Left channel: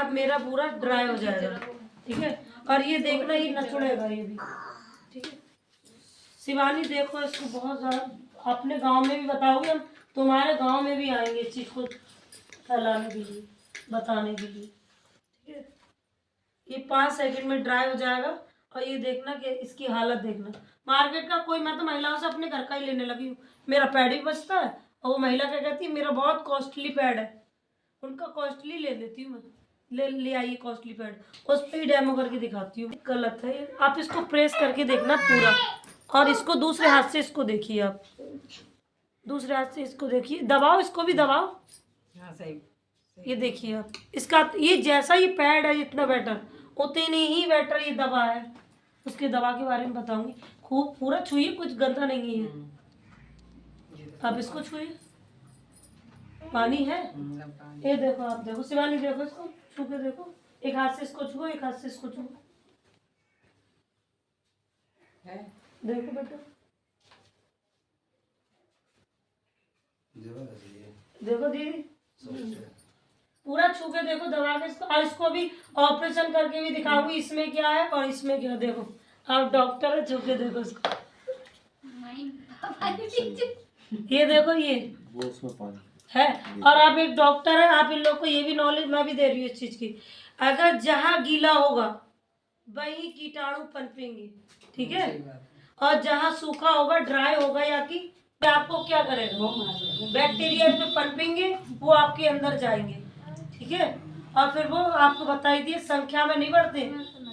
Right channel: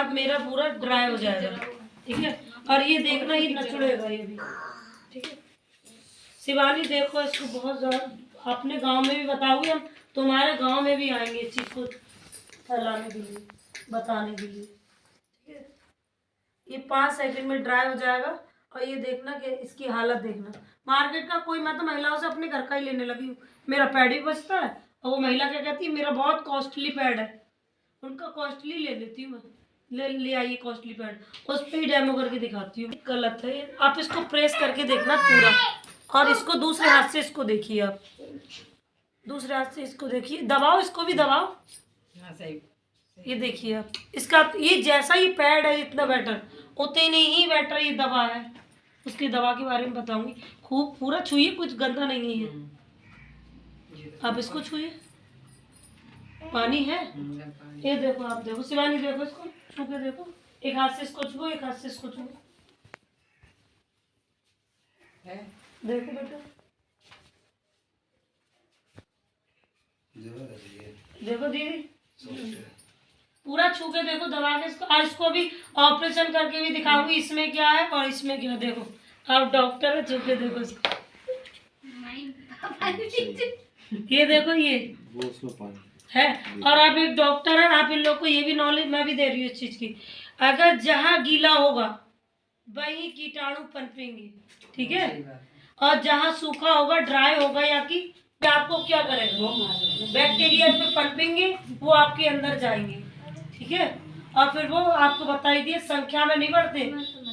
बाद मेरा पूरा ड्राई हो जाएगा, ठीक है। और ये देखना, ये नचुड़ेगा ये भी, ठीक है। शिवानी देखो इसको बहुत ज़्यादा, अपने गांव में भी बताओगे, हम तुम्हारे गांव में भी आएंगे इस चीज़ को फैलाने के लिए, बताने के लिए, ठीक है। ये 5 सेकंड में ड्राई हो जाएगा। और ये देखना कि इसकी हालत देखना। मार्केट का कोई, मैं तो महिलाओं से अपने घर का ही लेने लगी हूँ। मेरा पैड भी बचता है और वो महिला क्या कहती है, मेरा बहुत कॉस्टली पैड है, उनका कॉस्टली ले लेती हूँ मैं। ले आइए कॉस्टली पैड, उस पर ही डेमो करके दिखाती हूँ। गलत है ये। आप इसको प्रेस करके देखना पूरा, और इसको दूसरे हाथ से इसको देखिए, आप दूसरे हाथ से इसको देखिए, दबाओ, इसको भी दबाओ। हाँ सही। ये देखिए आप इसका, ये जैसा ये पैड है इतना बेटर, उतने ही बेटर ये दवा है। उसकी दवा के बारे में बताऊंगी। खूब पूरा छुइए, कुछ गंदा नहीं है। आप इसको छुइए, पानी है, ये देखो, आप देखो शिवानी, देखो इसको छू के देखो, एक हाथ से इसको छुओ, एक हाथ से इसको छुओ, देखो बेटा, देखो दीदी, पूरा छू के देखो, दबा के इसको। और इसको भी ऑपरेशन करके भी दिखाऊंगी, इसमें क्या है और इसमें क्या है। देखो आप डॉक्टर है, छू के देखो इसको, ये देखो ये है। और आप एक डॉक्टर है, आप इन लोग को ये भी नॉलेज मैं भी दे रही हूँ इस चीज की। अगर जहाँ गीला होगा वही कीटाणु पनपेंगे, ठीक है। और जहाँ सूखा होगा, ड्राई होगा या कि आपको क्या करेगा, बैक्टीरिया पे पनपेंगे, वो आपके अंदर जाएंगे, ठीक है। और फिर वो आपको बताई दिए, संख्या में नहीं बढ़ते,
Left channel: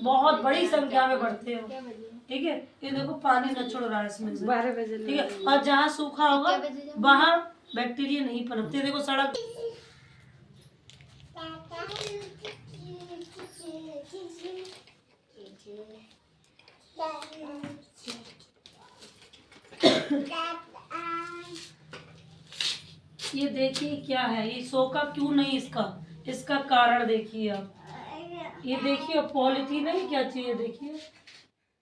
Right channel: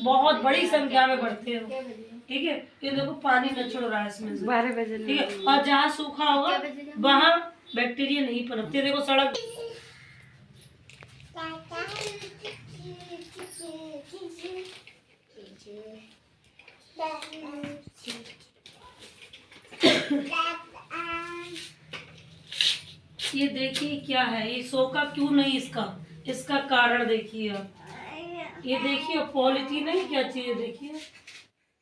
बहुत बड़ी संख्या में बढ़ते हैं, ठीक है। ये देखो पानी नचुड़ रहा है इसमें से, 12 बजे, ठीक है। और जहाँ सूखा होगा वहाँ बैक्टीरिया नहीं पनपते। देखो सड़क, ये देखिए क्या है, ये सोखा क्यों नहीं, इसका कारण देखिए आप। ये देखिए पॉलीथीन है, क्या चीज है देखिए,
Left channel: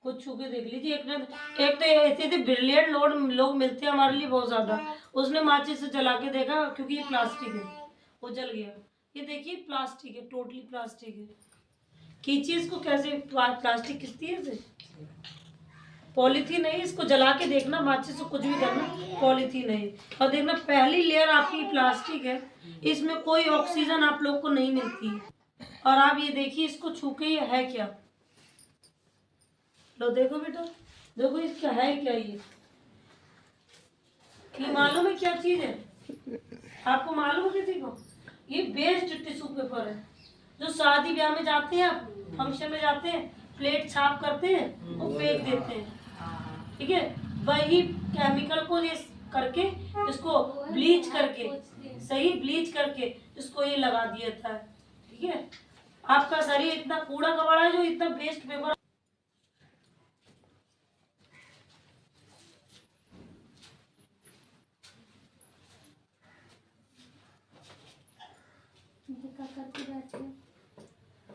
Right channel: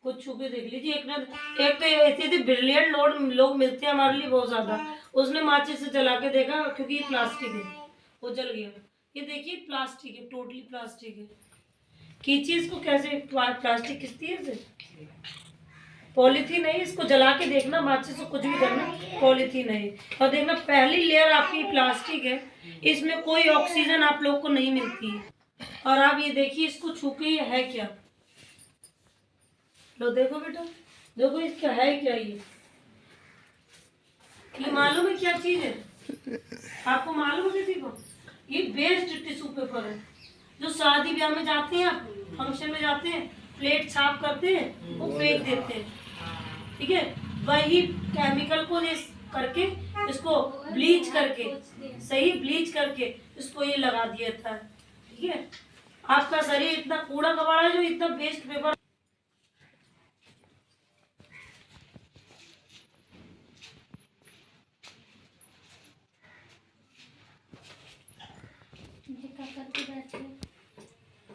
कुछ छू के देख लीजिए। एक तो ऐसे ब्रिलियंट लोग मिलते हैं हमारे लिए बहुत ज्यादा। उसने माचिस से जला के देखा, क्योंकि ये प्लास्टिक है, वो जल गया। ये देखिए प्लास्टिक है, टोटली प्लास्टिक है। खींची इसको, कैसे प्लास्टिक खींचती है इसे, पॉलीथीन है। इसको जला के देखना, माचिस से कुछ भी करना, पॉलीथीन है। और देखना पहली लेयर आपकी प्लास्टिक है, इसमें कोई ऑक्सीजन आप लोग को नहीं मिलती है। और आप ये देखिए इसको छू के, ये है क्या, लो देखो बेटा, देखो इसका है क्या, ये मालूम है क्या चीज है, आपको मालूम है किसी को? ये बेस्ड टिश्यू पेपर है, जो शादी ब्याह में जाते हैं, आप फंक्शन में जाते हैं, प्लेट छाप करते हैं, वो फेंक देते हैं, ठीक है। वही केमिकल को करके, इसको ब्लीच करके, सही ब्लीच करके इसको ये लगा दिया था, ठीक है। आपका शरीर इतना कूड़ा कबाड़ा है जो इतना वेस्ट पेपर।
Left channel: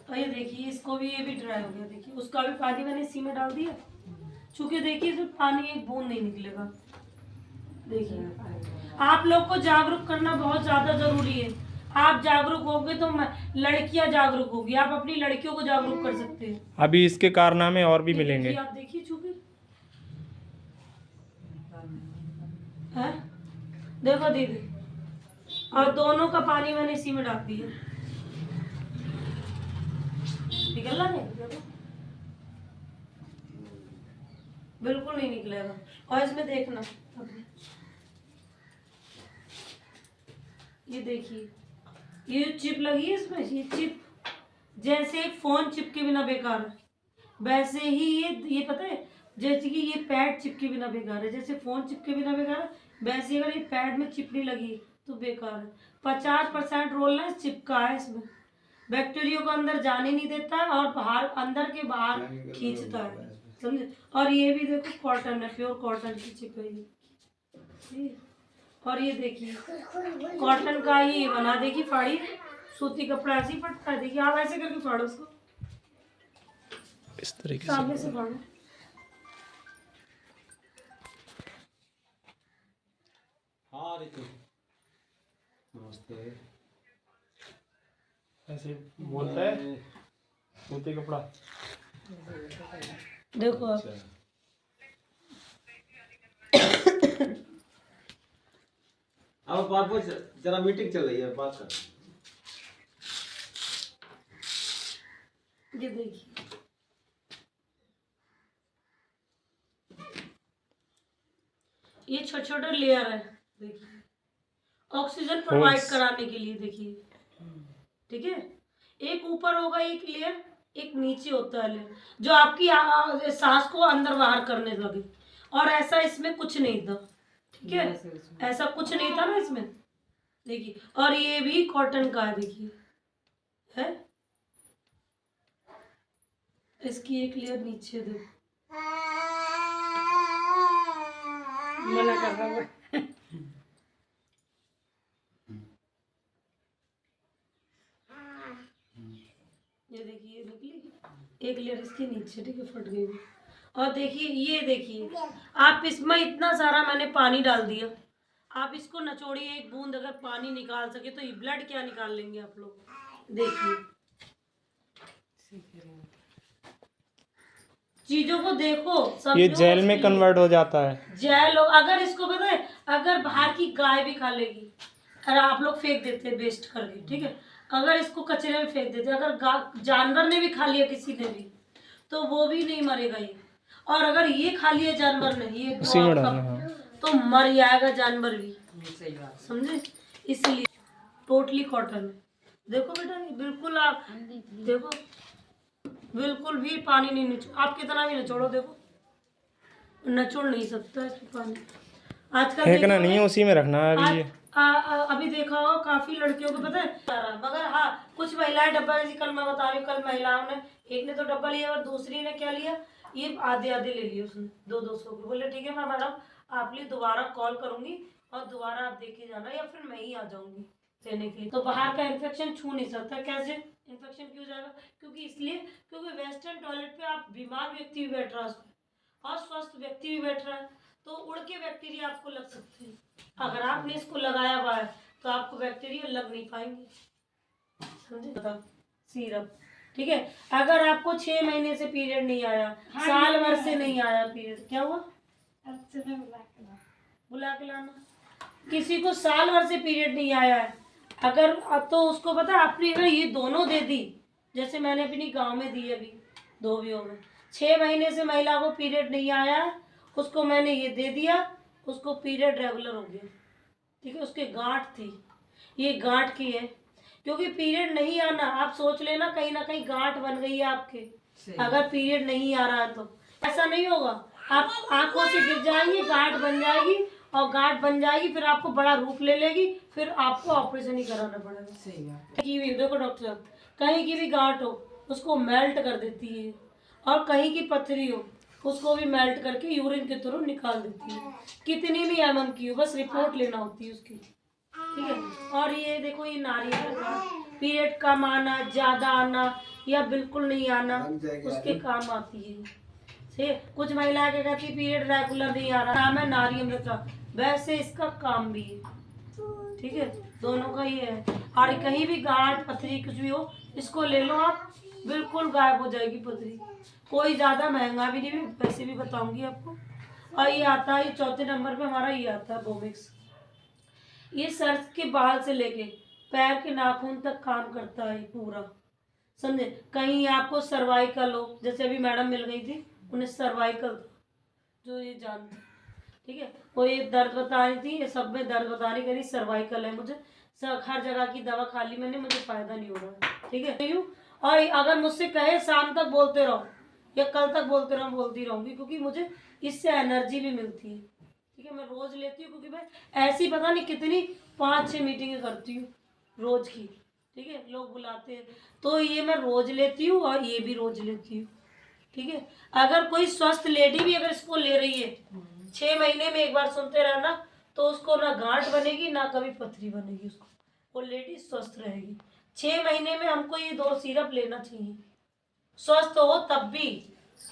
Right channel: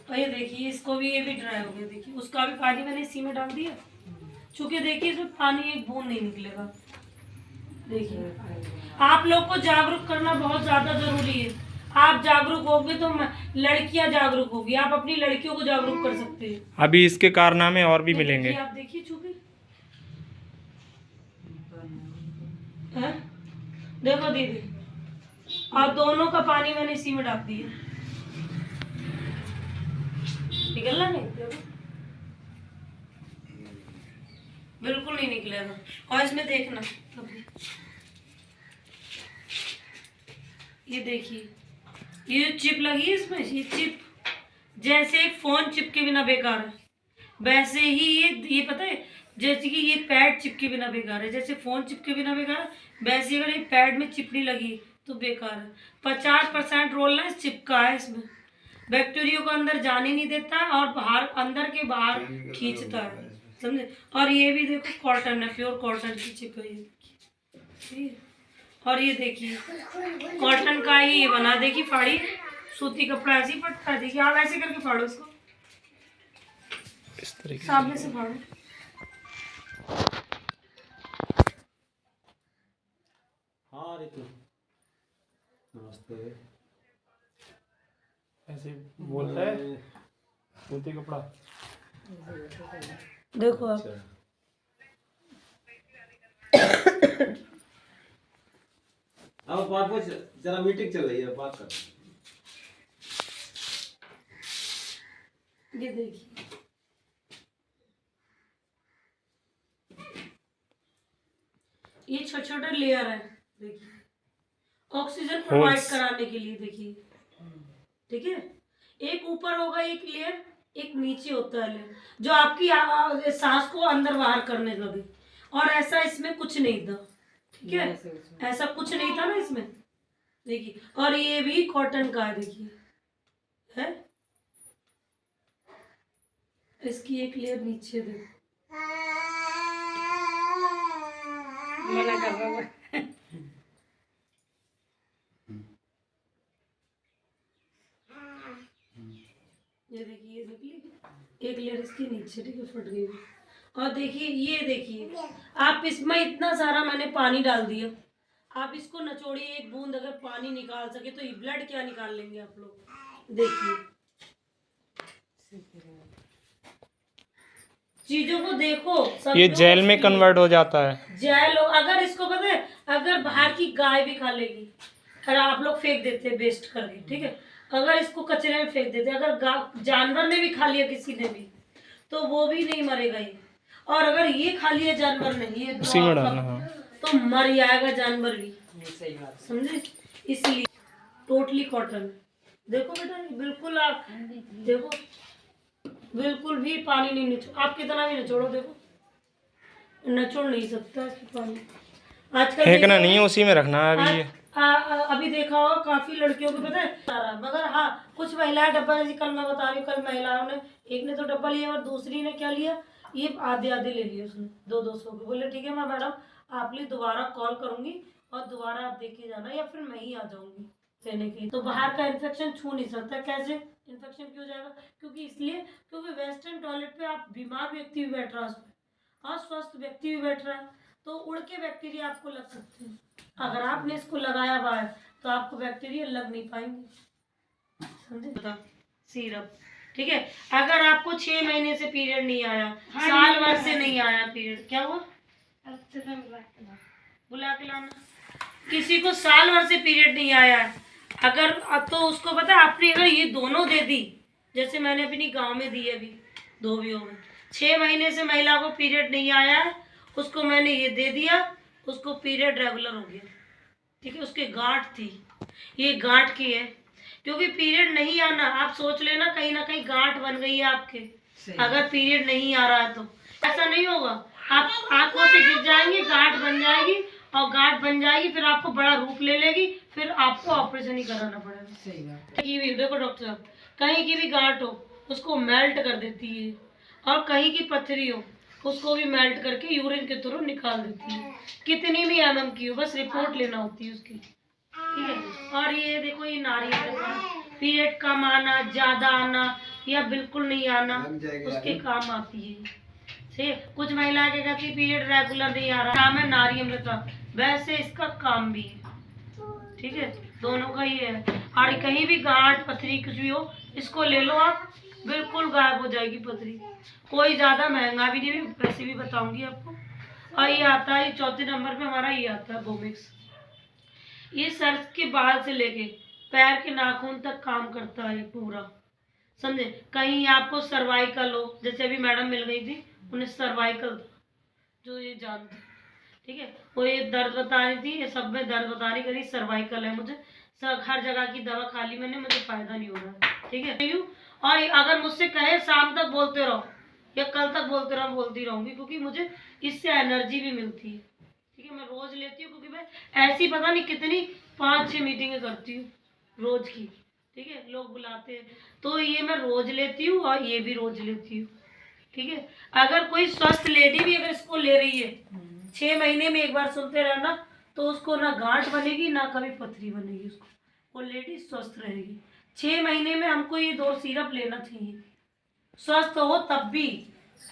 और ये देखिए इसको भी, ये भी ड्राई हो गया, देखिए उसका भी पानी मैंने इसी में डाल दिया, चूंकि देखिए इसमें पानी एक बूंद नहीं निकलेगा। देखिए आप लोग को जागरूक करना बहुत ज्यादा जरूरी है। आप जागरूक होगे तो लड़कियां जागरूक होगी, आप अपनी लड़कियों को जागरूक कर सकते हैं। अभी इसके कारनामे और भी मिलेंगे। आप देखिए चूंकि है, देखो दीदी, और दोनों का पानी मैंने इसी में डाल दिया, निकलना नहीं, बिल्कुल नहीं निकलेगा। और इसमें देखना, ये देखिए ये चिप लगी है इसमें, ये चिप जैसे फोन चिप के बिना बेकार है, वैसे ही ये पता है, जैसे कि ये पैड चिप के बिना बेकार है, जैसे फोन चिप के बिना बेकार है, वैसे अगर ये पैड में चिप नहीं लगी तो बेकार है। 50% रोल है चिप का है इसमें, बैक्टीरिया को अंदर जाने नहीं देता है, और बाहर अंदर के बाहर खींचता है, समझे। और ये भी देखो कॉटन है, प्योर कॉटन की चिप है ये। और ये देखिए कॉटन का ही ये बना, देखिए फाड़ी, सूती कपड़ा ऐसे ही फटता है, देखिए आप ऐसे करके फाड़ो उसको, इस तरीके सामने से फाड़ो। हाँ रितु नमस्ते। ऐसे बोलता है सूती कपड़ा। देखो आप, अब बात पूछ, जरा मीटिंग चल रही है, बात कर। ये देखिए, ये छोटे छोटे लेयर है, देखिए ऑक्सीजन प्रोवाइड Holes. कराने के लिए। देखिए, ठीक है, एक ऊपर होगा एक लेयर, एक नीचे होता है लेयर, जो आपकी सांस को अंदर बाहर करने लगे। और ऐसा इसमें कुछ नहीं था, ठीक है, ऐसा कुछ नहीं था ना इसमें। देखिए, और ये भी कॉटन का है, देखिए है, इसकी एक लेयर नीचे देखो, मना कर रहा हूँ। ये देखिए, ये निकली एक लेयर इसके नीचे, ठीक है, फट गई। और देखिए, ये देखिए, आप इसमें इतना सारा मैंने पानी डाल दिया, आप इसको नचोड़िए, एक बूंद अगर पानी निकाल सके तो ये ब्लड क्या निकाल लेंगे आप लोग। देखिए, चीजों को देखो, ये जेल में कन्वर्ट हो जाता है। जेल हो, अगर इसको पता है, अगर बाहर की गाय भी खा लेगी, अगर आप लोग फेंक देते हैं वेस्ट करके, ठीक है, अगर इसको कचरे में फेंक देते, अगर जानवर ने भी खा लिया, किसी ने भी, तो वो भी नहीं मरेगा ये। और अगर ये खा लिया जानवर ने, ये उसी में डालना, हाँ। तो मर जाएगा जानवर भी, समझे। इसलिए टोटली कॉटन। देखो बेटा, ये बिल्कुल, आप देखो, बिल्कुल भी पानी नहीं निचोड़, आप कितना भी निचोड़ो, देखो निचोड़ नहीं सकता इसमें पानी। आजकल फेंकना नहीं है, उसी में रखना है अभी। अभी देखा होगा काफी लड़कियों को पता है सारा, मगर हाँ कुछ महिलाएं डब्बा, जैसे कल मैं बता रही हूँ, कल महिलाओं ने, एक ने तो डब्बा लिया और दूसरी ने क्या लिया, ये आधे आधे ले लिए उसने, 200 के। बोले ठीक है मैं मैडम आप लिए दोबारा कॉल करूंगी और दोबारा आप देखे जाना, या फिर मैं ही आ जाऊंगी लेने के लिए। तो बाहर का इन्फेक्शन छू नहीं सकता। कैसे इन्फेक्शन क्यों जाएगा? क्योंकि इसलिए, क्योंकि वेस्टर्न टॉयलेट पे आप बीमार व्यक्ति भी बैठ रहा है और स्वस्थ व्यक्ति भी बैठ रहा है, तो उड़ के बैक्टीरिया आपको लग सकते हैं। अगर आपने इसको लगाया हुआ है तो आपको बैक्टीरिया लग नहीं पाएंगे, समझे। बताओ, सिरप, ठीक है, अगर आपको 6 महीने से पीरियड नहीं आया, साल भर से नहीं आया पीरियड, क्या हुआ? बुला के लाना। किसी को साल भर से पीरियड नहीं आया है, अगर तो उसको पता है, आपने अगर ये दोनों दे दी, जैसे मैंने अपनी गांव में दी, अभी 2 भी हो गए, 6 महीने से महिला को पीरियड नहीं आया है, उसको मैंने ये दे दिया, उसको पीरियड रेगुलर हो गया, ठीक है। उसके गांठ थी, ये गांठ की है, क्योंकि पीरियड नहीं आना, आप सोच लेना कहीं ना कहीं गांठ बन गई है आपके, अगर पीरियड नहीं आ रहा है तो ऐसा नहीं होगा, आप आंखों से गिर जाएंगी, गांठ बन जाएगी, और गांठ बन जाएगी फिर आपको बड़ा रूप ले लेगी, फिर आपको ऑपरेशन ही कराना पड़ेगा। सही बात है। देखो डॉक्टर साहब, कहीं की भी गांठ हो उसको मेल्ट कर देती है, और कहीं की पथरी हो उसको भी मेल्ट करके यूरिन के थ्रू निकाल देती है, कितनी भी mm की हो, बस रिपोर्ट लेना होती है उसकी, ठीक है। और ये देखो, ये नारियल का पीरियड कम आना, ज्यादा आना या बिल्कुल नहीं आना, उसके काम आती है। कुछ महिलाएं क्या कहती है, पीरियड रेगुलर नहीं आ रहा, काम है नारियल का, वैसे इसका काम भी है, ठीक है, दोनों का ही है। और कहीं भी गांठ पथरी कुछ भी हो, इसको ले लो आप, बिल्कुल गायब हो जाएगी पथरी। कोई ज़्यादा महंगा भी नहीं, पैसे भी बताऊंगी आपको। और ये आता है, ये 4थे नंबर पे हमारा ये आता है बोमिक्स। ये सर के बाल से लेके पैर के नाखून तक काम करता है पूरा, समझे। कहीं आपको सर्वाइकल हो, जैसे अभी मैडम मिल गई थी, उन्हें सर्वाइकल था, जो ये जानते, ठीक है, वो ये दर्द बता रही थी, ये सब में दर्द बता रही, करी सर्वाइकल है मुझे, हर जगह की दवा खा ली मैंने, मुझे फायदा नहीं हो रहा, ठीक है। और अगर मुझसे कहे शाम तक बोलते रहो या कल तक बोलते रहो, बोलती रहूंगी, क्योंकि मुझे इससे एनर्जी भी मिलती है, ठीक है। मैं रोज लेती हूँ, क्योंकि मैं ऐसी पता नहीं कितनी 5-6 मीटिंगें करती हूँ रोज की, ठीक है, लोग बुलाते हैं, तो ये मैं रोज लेती हूँ और ये भी रोज लेती हूँ, ठीक है। अगर कोई स्वस्थ लेडी भी अगर इसको ले रही है, 6 महीने में एक बार सुनते रहना, तो उसको ना गांठ बनेगी ना कभी पथरी बनेगी, उसको वो लेडी स्वस्थ रहेगी। 6 महीने में हमको ये 2 सिरप लेना चाहिए, स्वस्थ हो तब भी,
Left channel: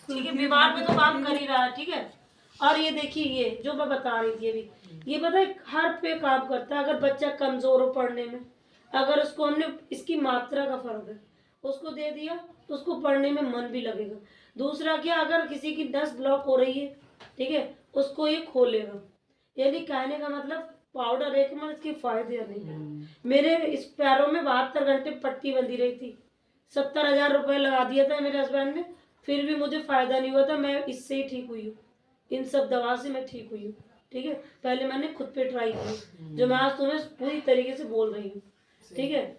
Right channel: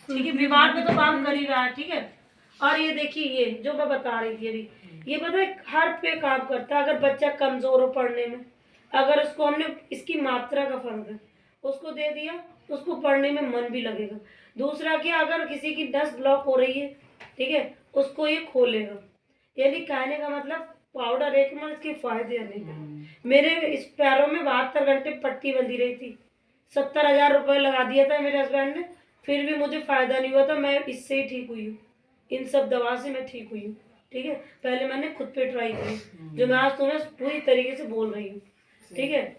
ठीक है, बीमार पे तो काम कर ही रहा है, ठीक है। और ये देखिए, ये जो मैं बता रही थी अभी, ये पता है हर पे काम करता है। अगर बच्चा कमजोर हो पढ़ने में, अगर उसको हमने इसकी मात्रा का फर्क है, उसको दे दिया तो उसको पढ़ने में मन भी लगेगा। दूसरा क्या, अगर किसी की नस ब्लॉक हो रही है, ठीक है, उसको ये खोलेगा। यानी कहने का मतलब पाउडर एक में इसके फायदे अनेक। मेरे इस पैरों में 72 घंटे पट्टी बंधी रही थी, 70,000 रुपये लगा दिया था मेरे हस्बैंड ने, फिर भी मुझे फायदा नहीं हुआ था। मैं इससे ही ठीक हुई हूँ, इन सब दवा से मैं ठीक हुई हूँ। ठीक है, पहले मैंने खुद पे ट्राई की, जो मैं आज तुम्हें पूरी तरीके से बोल रही हूँ। ठीक है,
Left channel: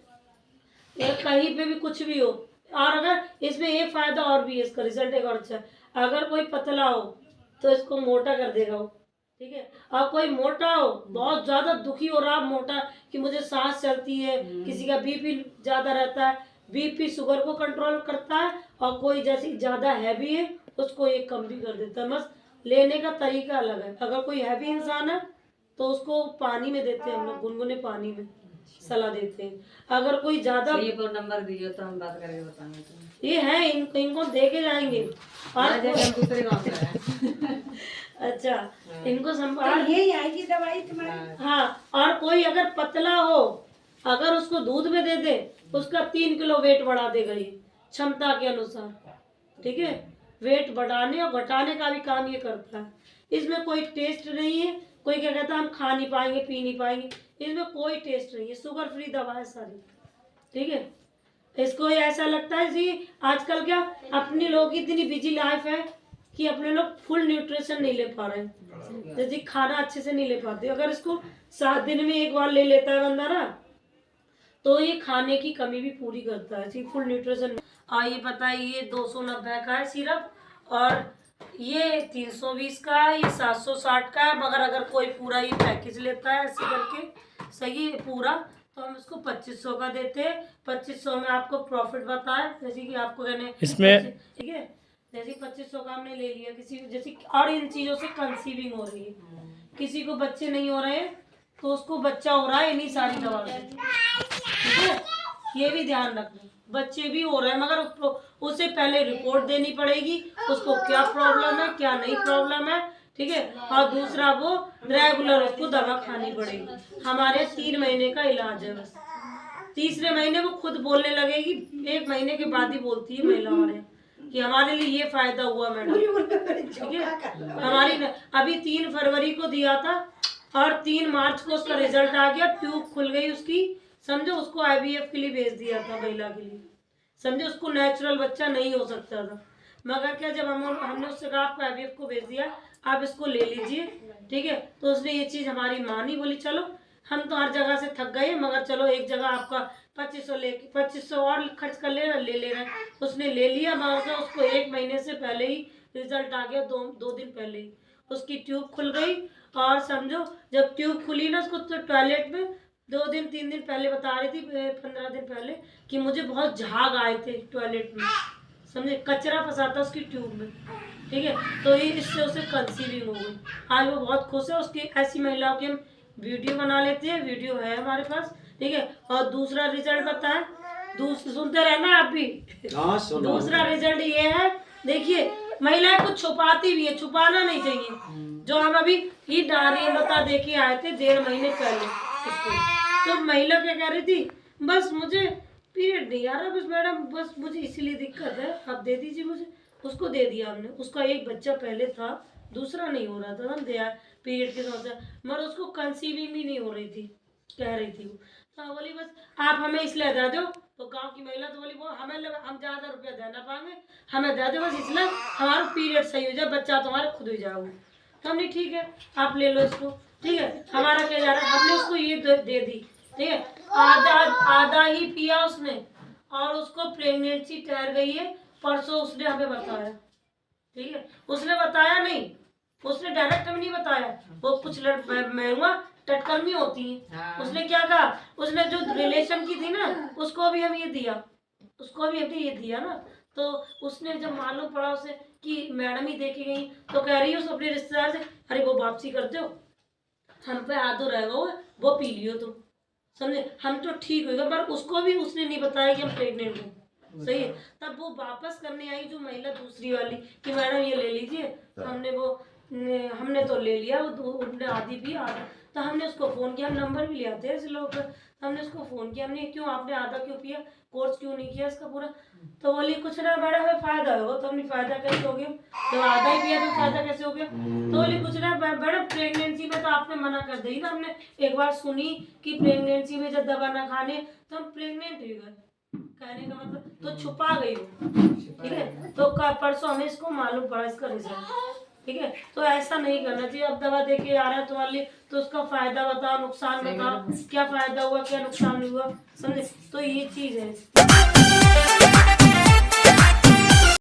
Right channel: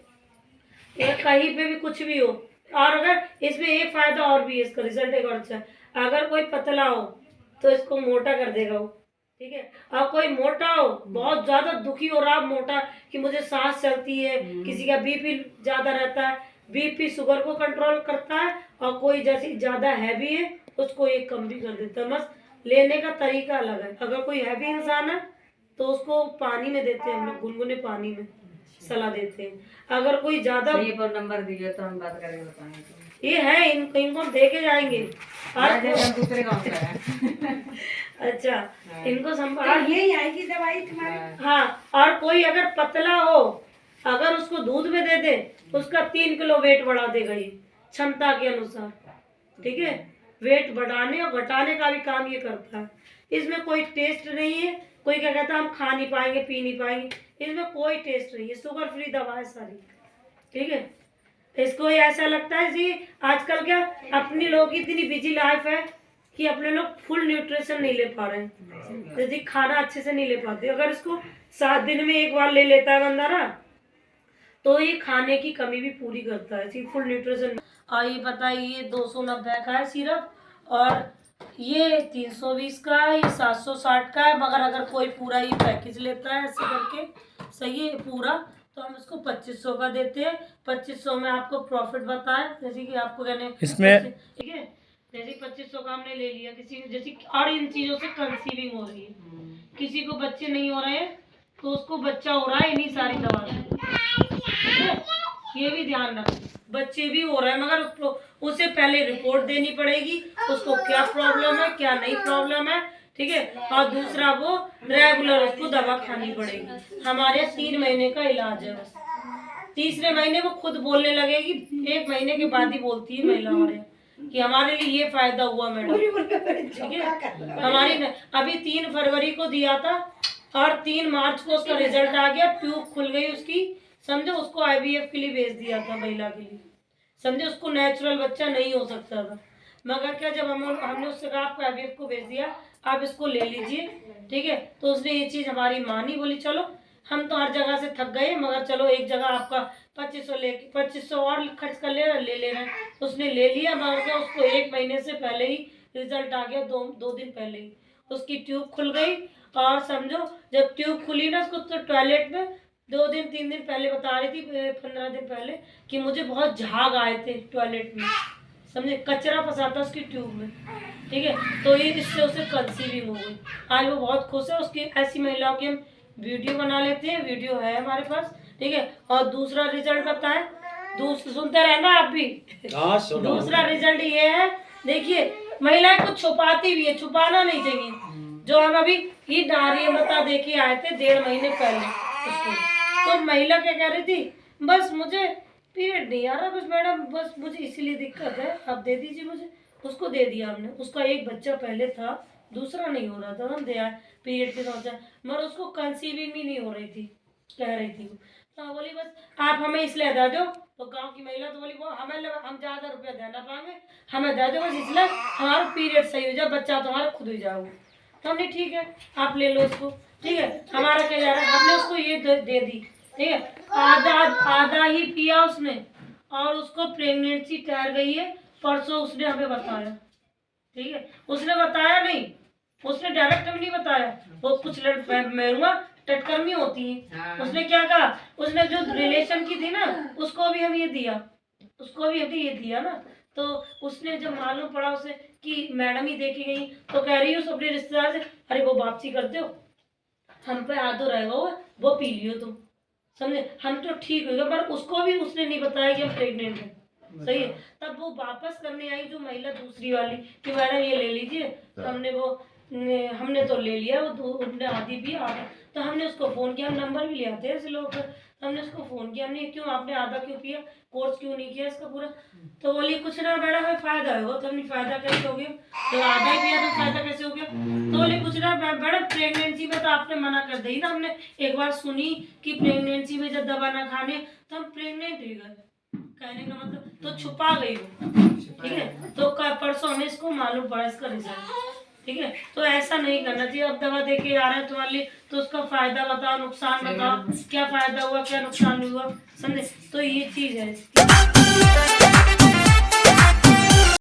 या कहीं पे भी कुछ भी हो। और अगर इसमें एक फायदा और भी है, इसका रिजल्ट एक और अच्छा है, अगर कोई पतला हो तो इसको मोटा कर देगा वो। ठीक है, और कोई मोटा हो, बहुत ज्यादा दुखी हो रहा मोटा कि मुझे सांस चलती है, किसी का बीपी ज्यादा रहता है, बीपी शुगर को कंट्रोल करता है, और कोई जैसे ज्यादा हैवी है उसको ये कम भी कर देता है। बस लेने का तरीका अलग है। अगर कोई हैवी इंसान है तो उसको पानी में देते हैं हम लोग, गुनगुने पानी में सलाह देते हैं। अगर कोई ज्यादा ये पर नंबर दीजिए तो हम बात करके बताएंगे तो। ये है, इनको देके जाएंगे। आज हम दूसरे गांव से आए। अच्छा, इनको संभाल, यही आएगी दवाई तुम्हारी। हाँ। और कोई अगर पतला हो, अगर उसको दूध में दे दे, उसका 3 किलो वेट बढ़ा देगा ये, क्षमता के अनुसार। ठीक है, वेट बढ़ाने और घटाने का भी काम ये करता है। इसमें कोई टेस्ट नहीं है। कोई क्या कहता है हम खा नहीं पाएंगे, पी नहीं पाएंगे, इसमें कोई टेस्ट नहीं है। शुगर फ्री दवा है सारी। ठीक है, इसको ये ऐसा लगता है जी, आजकल क्या अपनी लोगों की इतनी बिजी लाइफ है कि अपने लोग फुल न्यूट्रिशन नहीं ले पा रहे हैं, जैसे खाना अच्छे से नहीं ले पाते। अगर इसको 7 दिन में एक बार ले लेता है बंदा ना, तो ये खाने की कमी भी पूरी करता है, फुल न्यूट्रिशन। ये बताइए 290 का है सिरप, और ये 320 का है, ये 760 का है। मगर अगर कोई पूरा ये पैकेज लेता है ऐसे करके, सही है पूरा, तो हम इसको 2500 का देते हैं। 2500 में आपको प्रॉफिट बताए, जैसे कि आपको कहने इसमें ठीक है, जैसे 2500 का हमने ले लिया किसी, जैसे और इन चीज़ों से कंसीविंग हो रही है, किसी को बच्चे नहीं हो रहे हैं तो उसको बच्चा हो रहा है इन्हीं सारी दवा से। ठीक है, ये भी ध्यान रखना, बच्चे भी हो रहे हैं मगर उससे पहले रिपोर्ट देनी पड़ेगी, उसको क्या प्रॉब्लम है क्या नहीं प्रॉब्लम है। ठीक है, और दूसरा वो रेगुलर उसको दवा खानी पड़ेगी। हमारे 3 महीने का इलाज है बस। तीसरे महीने वो खुद बोलने लगेगी, 1 महीने के बाद ही बोलती है महिला हमारे यहाँ कि हमारे लिए ये फायदा हुआ मैडम। ठीक है, हमारी अभी 3 फरवरी को दिया था और 3 मार्च को उसका रिजल्ट आ गया, ट्यूब खुल गई उसकी, समझो। उसको IVF के लिए भेज दिया था, महिला के लिए, समझे। उसको नेचुरल बच्चा नहीं हो सकता था, मगर क्या जब हमने उससे कहा आपको IVF को भेज दिया, आप इसको ले लीजिए। ठीक है, तो उसने ये चीज़ हमारी मानी, बोली चलो हम तो हर जगह से थक गए मगर चलो एक जगह आपका 2500 लेके 2500 और खर्च कर ले रहे हैं। उसने ले लिया, मगर क्या उसको 1 महीने से पहले ही रिजल्ट आ गया, 2 दिन पहले ही उसकी ट्यूब खुल गई। और समझो जब ट्यूब खुली ना, उसको तो टॉयलेट में 2 दिन 3 दिन पहले बता रही थी, 15 दिन पहले, कि मुझे बहुत झाग आए थे टॉयलेट में, समझे, कचरा फंसा था उसकी ट्यूब में। ठीक है, तो ये इससे उसे कंसीविंग हो गई। आज वो बहुत खुश है। उसकी ऐसी महिलाओं की हम वीडियो बना लेते हैं, वीडियो है हमारे पास। ठीक है, और दूसरा रिजल्ट बताएं, सुनते रहना आप भी। दूसरा रिजल्ट ये है, देखिए महिलाएं कुछ छुपाती भी है, छुपाना नहीं चाहिए। जो हम अभी ये डायरिया बता दे के आए थे 1.5 महीने पहले उसको, तो महिला क्या कह रही थी, बस मुझे पीरियड नहीं आ रहा, बस मैडम बस मुझे इसीलिए दिक्कत है, आप दे दीजिए मुझे। उसको दे दिया हमने। उसका एक बच्चा पहले था, दूसरा नहीं हो रहा था, हम दिया पीरियड के समस्या, मगर उसको कंसीविंग भी नहीं हो रही थी, कह रही थी। तो बोली बस आप हमें इसलिए दे दो। तो गांव की महिला तो बोली वो हम ज़्यादा रुपया देना पाएंगे, हमें दे दो बस, इसलिए हमारा पीरियड सही हो जाए, बच्चा तुम्हारा खुद हो जाओगे। तो हमने ठीक है आप ले लो इसको। ठीक है, हमारा क्या जा रहा है, हमने उसको ये दे दी। ठीक है, आधा ही पिया उसने, और उसको प्रेगनेंसी ठहर गई है, परसों उसने हमें बताया। ठीक है, उसने बताया नहीं, उसने डायरेक्ट हमें नहीं बताया, वो कुछ मेरुआ टटकर्मी होती है। उसने क्या कहा, उसने जो रिलेशन की थी ना, उसको भी हम ये दिया, उसको भी हमने ये दिया ना। तो उसने जब मालूम पड़ा उसे कि मैडम ही देखे गई, तो कह रही है उस अपने रिश्तेदार से, अरे वो वापसी कर दो, हम पे आदो रहेगा वो पी लियो तुम, समझे, हम तो ठीक होगा। पर उसको भी उसने नहीं बताया कि हम प्रेग्नेंट हैं, सही है। तब वो वापस करने आई जो महिला दूसरी वाली कि मैडम ये ले लीजिए, हमने वो हमने तो ले लिया, वो उनने आधी भी आधा, तो हमने उसको फ़ोन किया, हम नंबर भी ले आते हैं ऐसे लोगों का, तो हमने उसको फ़ोन किया, हमने क्यों आपने आधा क्यों पिया, कोर्स क्यों नहीं किया इसका पूरा। तो बोली कुछ ना मैडम हमें फ़ायदा होगा। तो हमने फ़ायदा कैसे हो गया, जब आधा ही पिया तो फ़ायदा कैसे हो गया। तो बोली कुछ ना मैडम प्रेगनेंसी में तो आपने मना कर दी ना, हमने एक बार सुनी कि प्रेगनेंसी में जब दवा ना खाने तो हम प्रेग्नेंट ही गए, कहने का मतलब तो छुपा गई वो, ठीक है। तो परसों हमें इसको मालूम पड़ा इसका रिजल्ट, ठीक है। तो ऐसा नहीं करना चाहिए। अब दवा दे के आ रहा है तुम्हारे लिए तो उसका फायदा बताओ, नुकसान बताओ, क्या फायदा हुआ क्या नुकसान हुआ, समझे। तो ये चीज है।